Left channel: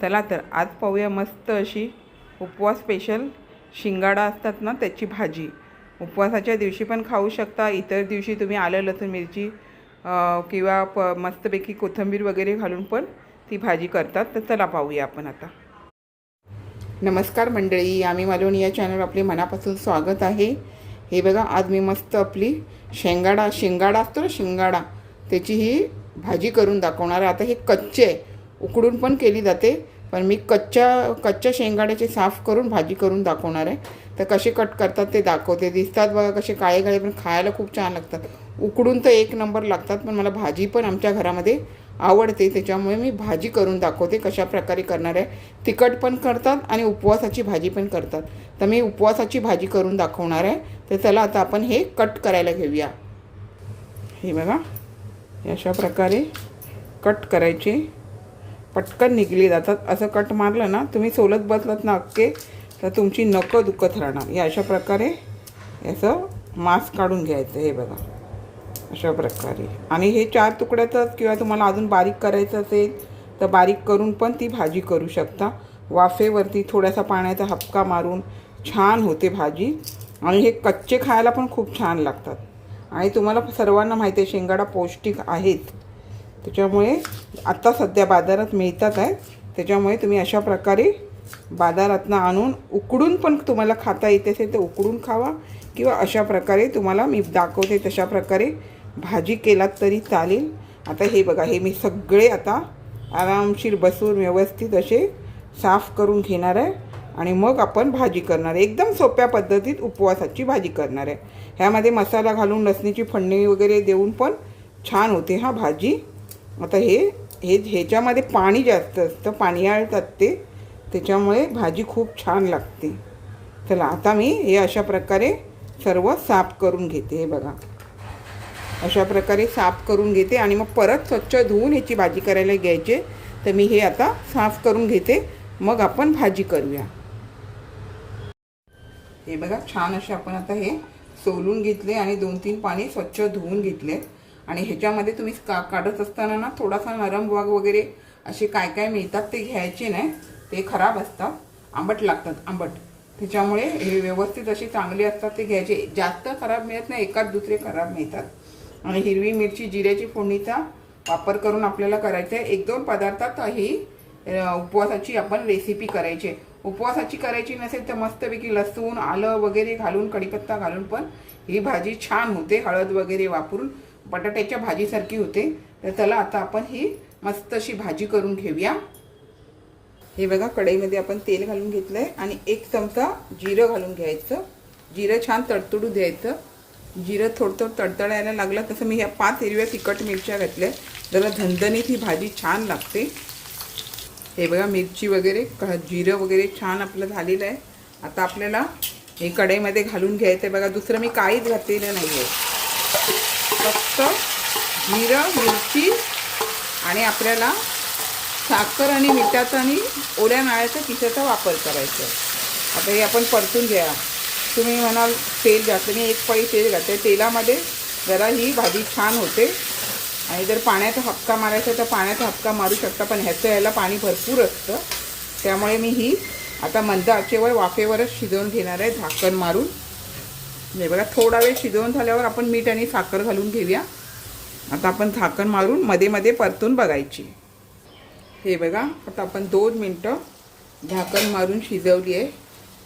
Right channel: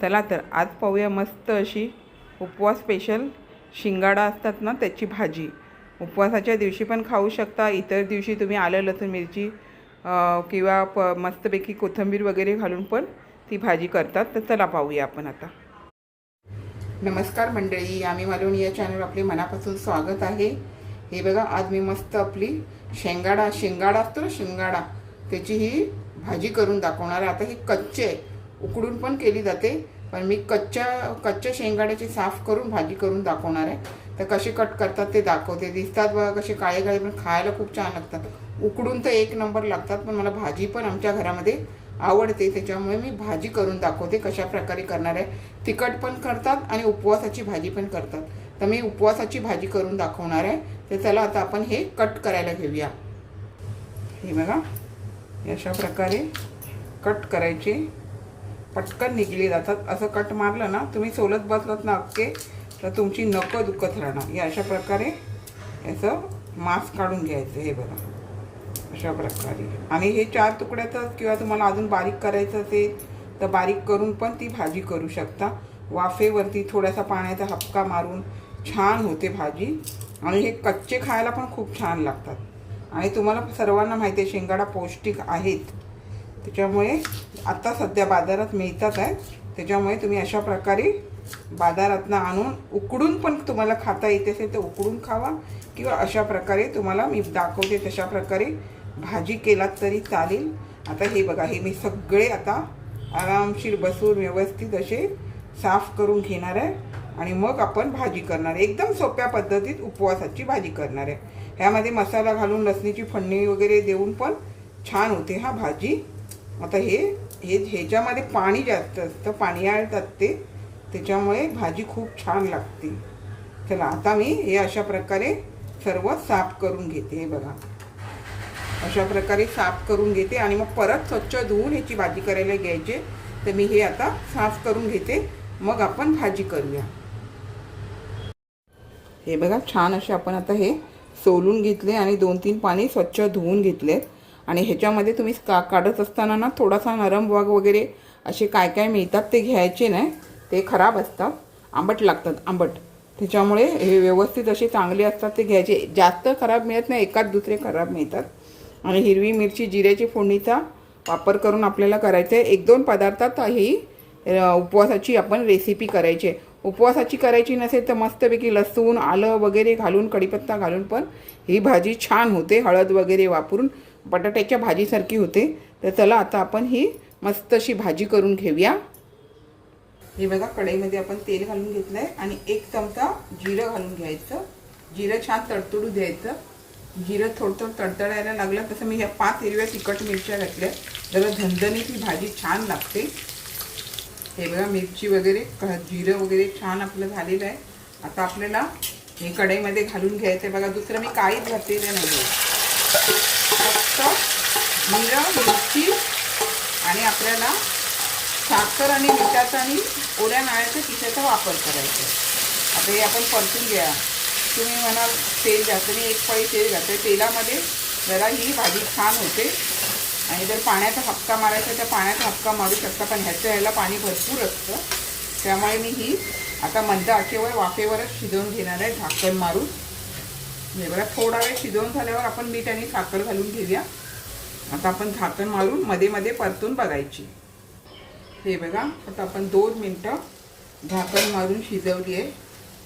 चला तर आज पाहूया मस्त अशी उपवास स्पेशल शिंगाडा असतात ना त्याची भाजी. उपवासाच्या दिवशी पण खाऊ शकता इतर दिवशी तुम्ही आलं लसूण मिरची किंवा प मस्तपैकी कोथिंबीर वगैरे घालून पण ती भाजी करतात. तर चला पाहूया आपण आता. नमस्कार मंडळी आम्ही मालवण या चॅनल आपले मनापासून स्वागत आहे. हे बघा आज मी मस्त आपली शेंगाडा शेंगाडा असतो ना शेंगाडा त्याची ही भाजी करून दाखवणार आता हे कच्चे आहे. उकडून पण केली जाते. पण मी कच्च्या कच्च्या शेंगाड्याची साफ करून भाजी करून दाखवणार आहे. तर कसे कट करतात ते दाखवते. दिसतात बघा कसे काळे काळे पण खायला खूप छान लागतात. उकडून तर एक नंबर लागतात पण मला भाजी पण आमच्या घरामध्ये आवडते. त्याच्यामुळे मी भाजी करून दाखवते कशा प्रकारे करणार आहे. तिखट पण करतात आणि उपवासाची भाजी पण करतात. तर मी उपवासाची भाजी करून दाखवणार आहे. तर चला आता आपण हे कट करायला घेऊया. हे बघा. अशा प्रकारे कट करायचे. पटकन निघली जातात. असं कट मारलं ना तुम्ही सोलत बसलात ना अक्के तर तुमची नको दुखत राहणार. या अशा प्रकारे याचं मांस काढून घ्यायचं हे बघा. अशा प्रकारे. आणि हे चार तुकड्यातच किंवा तुम्हाला अजून बारीक करायचं असेल तर बारीक करून पण ती भाजी करू शकता. वाफेवरती थोडासा पाण्याचा हपका मारून छान होते भाजी. आणि हे कच्चे खायला पण खूप छान लागतात. आणि तुम्हाला सर्वांना माहिती आहे शेंगाडा पौष्टिक आहेत. त्याच्यामुळे आत्ता सध्या बाजारात मिळतात आहे. त्याच्यामुळे तुम्ही अशा प्रकारे बाजारातनं आणून उकडून पण तुम्हाला खाता येत असेल तर उकडून खावा किंवा अशा प्रकारे तुम्हाला मी दाखवते तशा प्रकारे भाजी केलात तरी चालेल. आता हे बघा हे मी सगळे आता आरामशीर बसून व्यवस्थित असे साफ करून घेणार आहे आणि मग आपण भाजी करणार आहे. एकदम सोप्या पद्धतीत उपवासाची भाजी करणार आहे. ह्यामध्ये मसाला घालून लसणीची फडणी वगैरे देऊन पण छान होते हा भाजी. आता हे हे ह्याच्यामध्ये पाणी जास्त असतं पाणी आळतात ते त्याच्यामुळे भाजी खूप छान लागते. चला आता मी हे अशा प्रकारे सर्व साफ करून घेते हे बघा. अशा प्रकारे साफ करून घेते आणि मग परत स्वच्छ धुवून ह्याची भाजी करायला घ्यायचे. तर मी हे आता साफ करून घेते. मग आपण भाजी करूया. हे बघा छान असे आपण आता हे सोलून घेतले आणि दोन तीन पाणी स्वच्छ धुवून घेतले आणि ह्याच्यामध्ये तुम्ही का काढत असताना ना थोडासा नरम वाघ वगैरे असे काय काय मिळतात ते घ्यायचे नाही. ते खराब असतात. आंबट लागतात आंबट. त्याच्यामुळे हे व्यवस्थित असे चांगले असतात ते घ्यायचे. जास्त खराब मिळत नाही एकाच दुसरे खराब मिळतात. आणि हिरवी मिरची जिऱ्याची फोडणीचा वापर करून आपल्याला करायचं आहे. एक दोन पदार्थात ही उपवासाची आपण रेसिपी करायची आहे. उपवासाची करायची नसेल तर मस्तपैकी लसूण आलं वगैरे घालून कढीपत्ता घालून पण ही भाजी छान होते. हळद वगैरे वापरून बटाट्याच्या भाजीसारखी होते. तर चला आता आपण ही मस्त अशी भाजी करून घेऊया. हे बघा कढईमध्ये आपण तेल घालून घेतलंय आणि एक चमचा जिरं घालून घ्यायचं. जिरं छान तडतडू द्यायचं. जिरं थोडं थोडं तडतडायला लागलं तसं मी ह्या पाच हिरव्या तिखट मिरच्या घातल्या. जरा झणझणीत ही भाजी छान लागते. हे बघा मिरची वगैरे जिरं वगैरे छान आपलं झालेलं आहे. आता आपल्याला हे कढईमध्ये घालून घ्यायचं आहे बघा दुसरं मी काहीच घातलेलं नाही आहे फक्त जिरं मिरची आणि आपल्याला साखर आणि मिठाचा आणि ओल्या नाळ्याच्या किशाचा वापर करायचा. आता हे आपण परतून घ्या. तुम्ही म्हणाल तेल जास्त मी एक पळी तेल घातले तेलामध्ये जरा ही भाजी छान होते. आणि जर पाण्याचा हपका मारायचा तर पाण्याचा हपका मारू शकता पण ह्याचं ह्याला पाणी भरपूर असतं. त्यामुळे मी ही आता मंद आचेवर वाफेवरच शिजवून घेणार आहे झाकण मारून. हे बघा थोडा वेळ शिजवून झाल्यावर आपण मीठ आणि साखर घालून घेऊया. आता आपण झाकण मारून मध्ये मध्ये परतून बघायची. हे बघा आता आपण दोन मिनटं झाकण मारून शिजवली आहे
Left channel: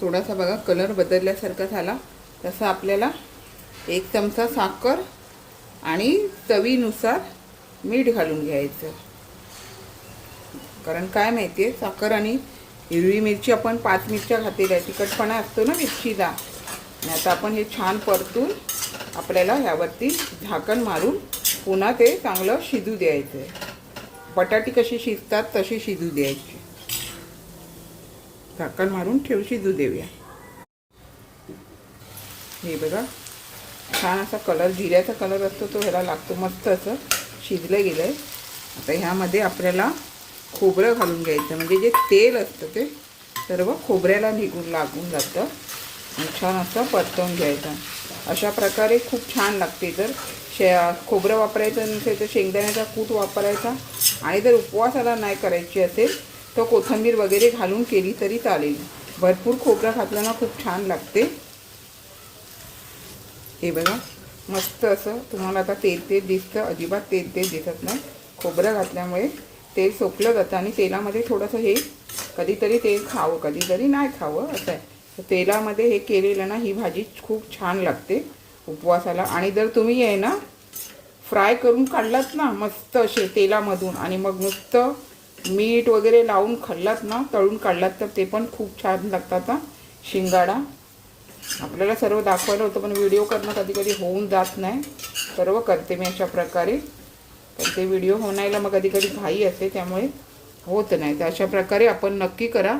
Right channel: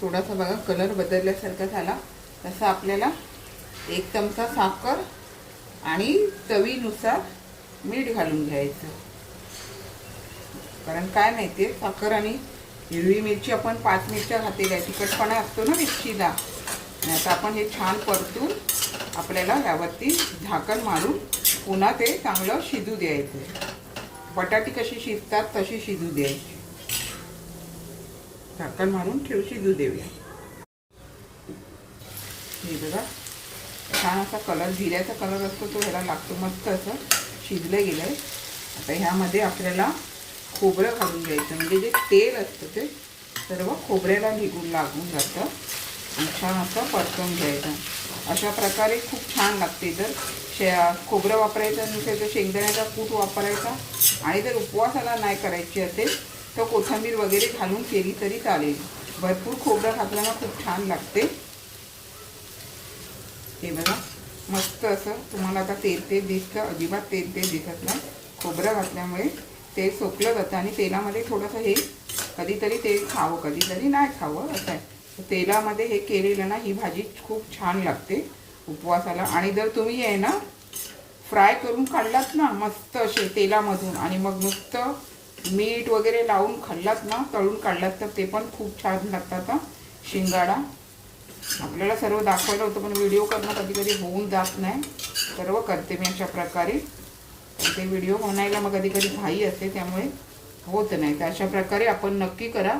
थोडासा बघा कलर बदलल्यासारखा झाला. तसं आपल्याला एक चमचा साखर आणि चवीनुसार मीठ घालून घ्यायचं. कारण काय माहिती आहे साखर आणि हिरवी मिरची आपण पाच मिरच्या घातलेल्या आहे तिखटपणा असतो ना मिरचीला. आणि आता आपण हे छान परतून आपल्याला यावरती झाकण मारून पुन्हा ते चांगलं शिजू द्यायचं आहे बटाटी कशी शिजतात तशी शिजू द्यायची. झाकण मारून ठेव शिजू देऊया. हे बघा छान असा कलर जिऱ्याचा कलर असतो तो ह्याला लागतो मस्त असं शिजलं गेलं आहे आता ह्यामध्ये आपल्याला खोबरं घालून घ्यायचं म्हणजे जे तेल असतं ते सर्व खोबऱ्याला निघून लागून जातं. छान असं पटकन घ्यायचं. अशा प्रकारे खूप छान लागते. जर शे खोबरं वापरायचं नसेल तर शेंगदाण्याचा कूट वापरायचा. आणि जर उपवासाला नाही करायची असेल तर कोथिंबीर वगैरे घालून केली तरी चालेल. भरपूर खोबरं घातल्यानं खूप छान लागते. हे बघा मस्त असं तुम्हाला आता तेल तेल दिसतं. अजिबात तेल तेल दिसत नाही. खोबरं घातल्यामुळे तेल सोपलं जातं आणि तेलामध्ये थोडंसं हे कधीतरी तेल खावं कधीतरी नाही खावं असं आहे. तेलामध्ये हे केलेलं ना ही भाजी खूप छान लागते उपवासाला. आणि जर तुम्ही आहे ना फ्राय करून काढलात ना मस्त असे तेलामधून आणि मग नुसतं मीठ वगैरे लावून खाल्लात ना तळून काढलात तर ते पण खूप छान लागतात शिंगाडा. आपल्याला सर्व दाखवायला होतं पण व्हिडिओ करणं कधी कधी होऊन जात नाही. सर्व करते मी अशा प्रकारे. तर ते व्हिडिओ होण्याला मग कधी कधी घाई असते त्यामुळे होत नाही. तर अशा प्रकारे आपण नक्की करा.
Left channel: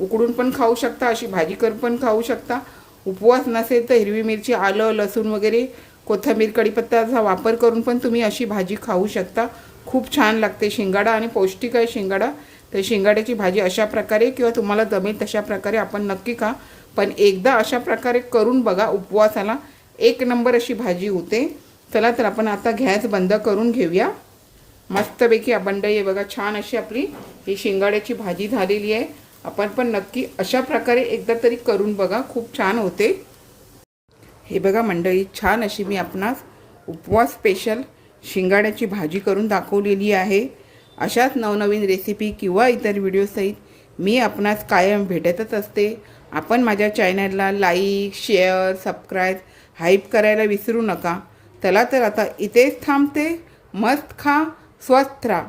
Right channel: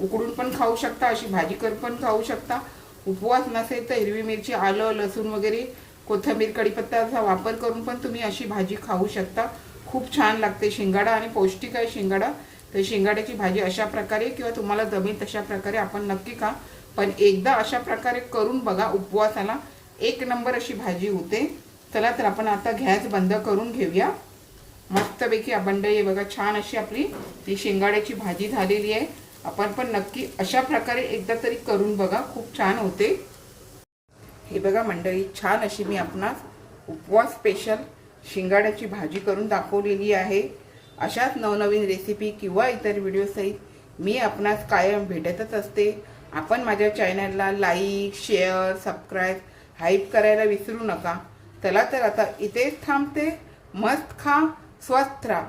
उकडून पण खाऊ शकता अशी भाजी करून पण खाऊ शकता. उपवास नसेल तर हिरवी मिरची आलं लसूण वगैरे कोथिंबीर कढीपत्ताचा वापर करून पण तुम्ही अशी भाजी खाऊ शकता. खूप छान लागते शिंगाडा आणि पौष्टिक आहे शिंगाडा. तर शिंगाड्याची भाजी अशा प्रकारे किंवा तुम्हाला जमेल तशा प्रकारे आपण नक्की खा. पण एकदा अशा प्रकारे करून बघा उपवासाला. एक नंबर अशी भाजी होते. चला तर आपण आता गॅस बंद करून घेऊया. मस्तपैकी अबंड आहे बघा छान अशी आपली ही शिंगाड्याची भाजी झालेली आहे. आपण पण नक्की अशा प्रकारे एकदा तरी करून बघा. खूप छान होते. हे बघा मंडळी छान अशी मी आपणास उपवास स्पेशल शिंगाड्याची भाजी करून दाखवलेली आहे. अशाच नवनवीन रेसिपी किंवा इतर व्हिडिओसहित मी आपणास कायम भेटतच असते. आपण माझ्या चॅनलला लाईक शेअर सबस्क्राईब हाईप करायला विसरू नका. चला तर आता इथेच थांबते. मस्त खा स्वस्थ राहा.